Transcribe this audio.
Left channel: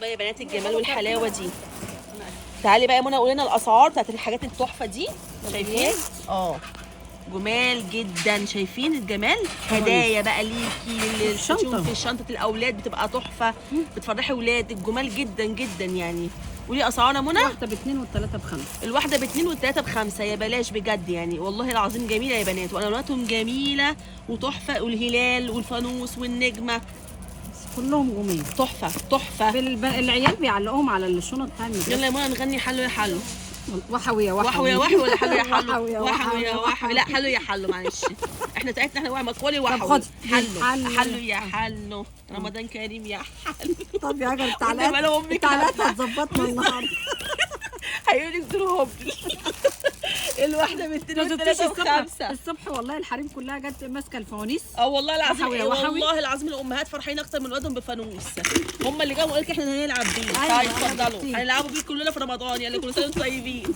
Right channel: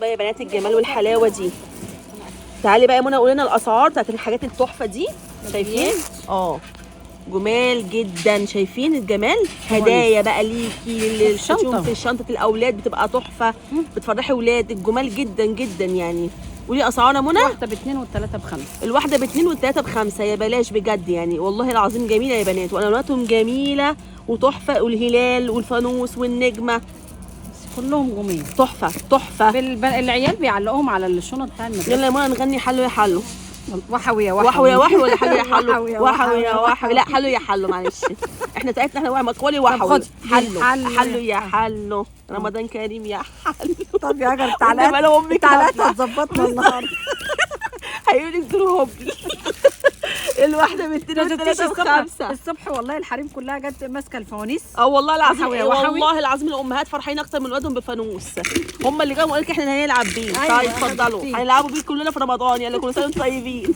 بقى يا بنات الجمال والحلاوه دي. تعالي بقى يا منى قولي لنا الاسعار بتاعت الحاجات التحفه دي. شايفين؟ جمال جدا. شايفين الجمال؟ هدايا بقى ليكي الشنطه في شنطه الاولاد بتبقى تحفه، بتفرحي ولادك. جمال جدا جدا يعني. قولي اسعارنا منى. واحده ب2 والثلاثه ب5. الواحده ب2 والثلاثه ب5. يا بلاش بجد يعني، والله العظيم جميله يا بنات، والواناتهم جميله وتحفه، والهلال والفانوس والنجمه كلهم جميل تحفه تحفه. العيال بيعلقوهم على الشنط بتاع المدرسه. يلا يا منى نغني حلو يا حلو. وحوي يا وحوي يا وحوي ولا حلو يا حلو؟ وحوي يا وحوي. لا حلو يا حلو، معلش احنا بتاعتنا احنا مطولي طب وحوي. خد حلو يا حلو. رمضان كريم يا حلو. طب يا جماعه التعليقات هتظبطنا النهارده. هيقولوا لي بتقولوا هبل. الواحده ب2 الصبح والله الحريم كلها جت ماسكه الفوانيس. والله العظيم وحوي. والله العظيم الامهات فرحين اكتر من ولادهم بفانوس. هم اللي جاوا قالوا لك احنا هنلعب بيه. أيوة، طيب اتفضلوا هنلعبوا بيه كلنا في رمضان. يلا كل سنه وانتم طيبين.